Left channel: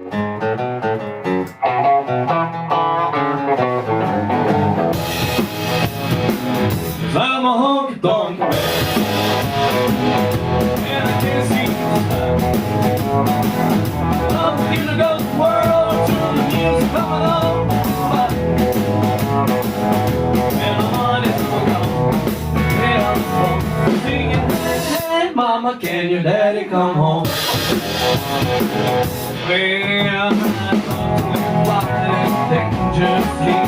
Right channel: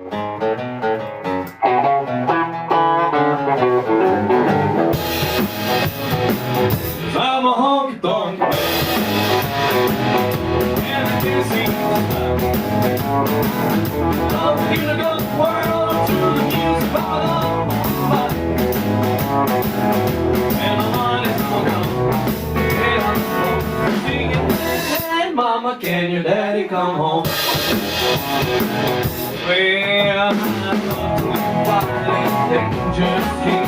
I'm a honky tonk, and I can't see the I'm gonna go the world to the music coming on, and the money's all gone. Hey, I'm singing, hey mama, can your daddy come home? Well, I'm dangerously.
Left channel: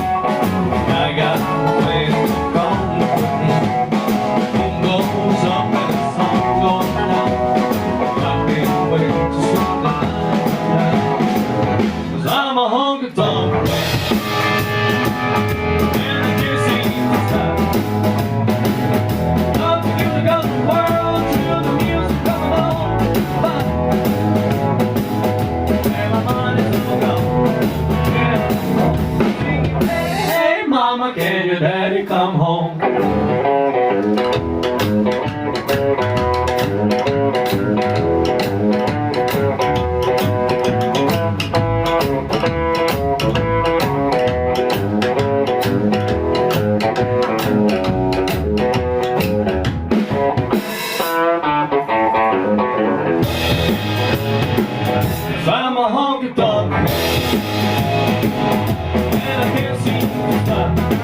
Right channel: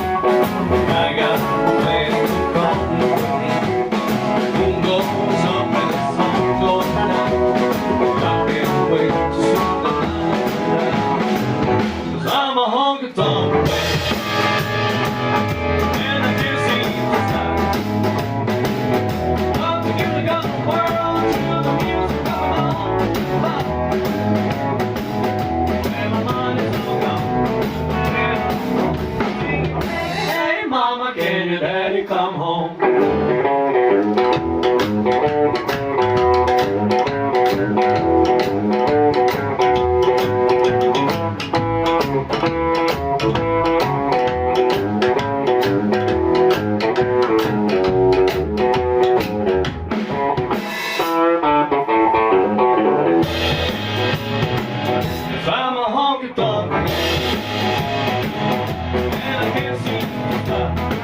I got a way to go. Moon goes up and the sun goes down. Got me a way to shoot the night. 'Cause I'm a honky tonk, and I can't see the sky. Up to the world, to the music coming on. And my money's all gone. Hey mama, can your daddy come home? I'm a honky tonk, and I can't see the sky.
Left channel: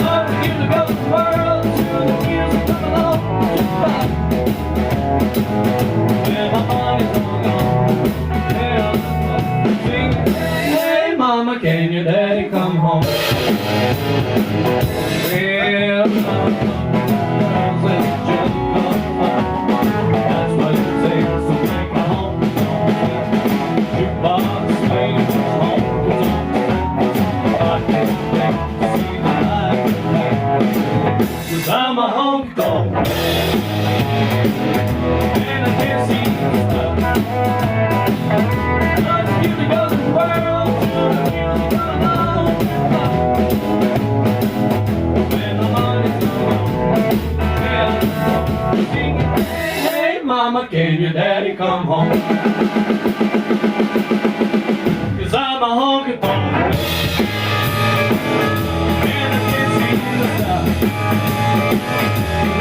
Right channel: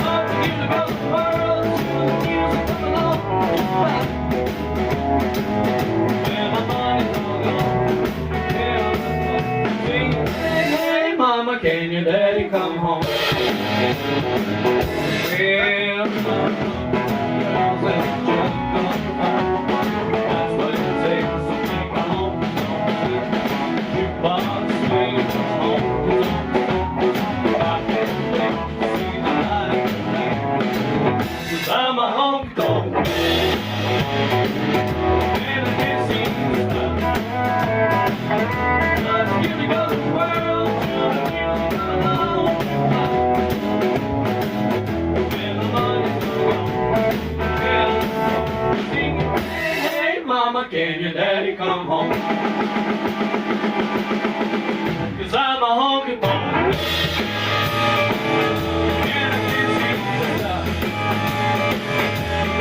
I'm here to go the world to the music coming on. And my money's all gone. Hey mama, can your daddy come home? Well, that's what you say, so take my home. Jukebox swings home. I can't wait to see the light tonight. 'Cause I'm a honky tonk, and I can't see the sky. I'm here to go the world to the music coming on. And the money's all gone. Hey mama, can your daddy come home? 'Cause I'm a honky tonk, and I can't see the sky.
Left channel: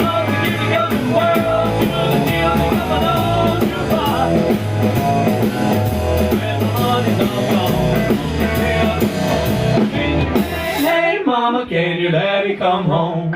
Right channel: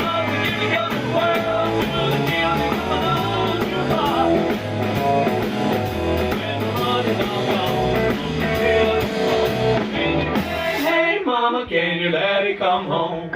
I'm here to go the world to the music coming on. And the money's all gone. Hey mama, can your daddy come home?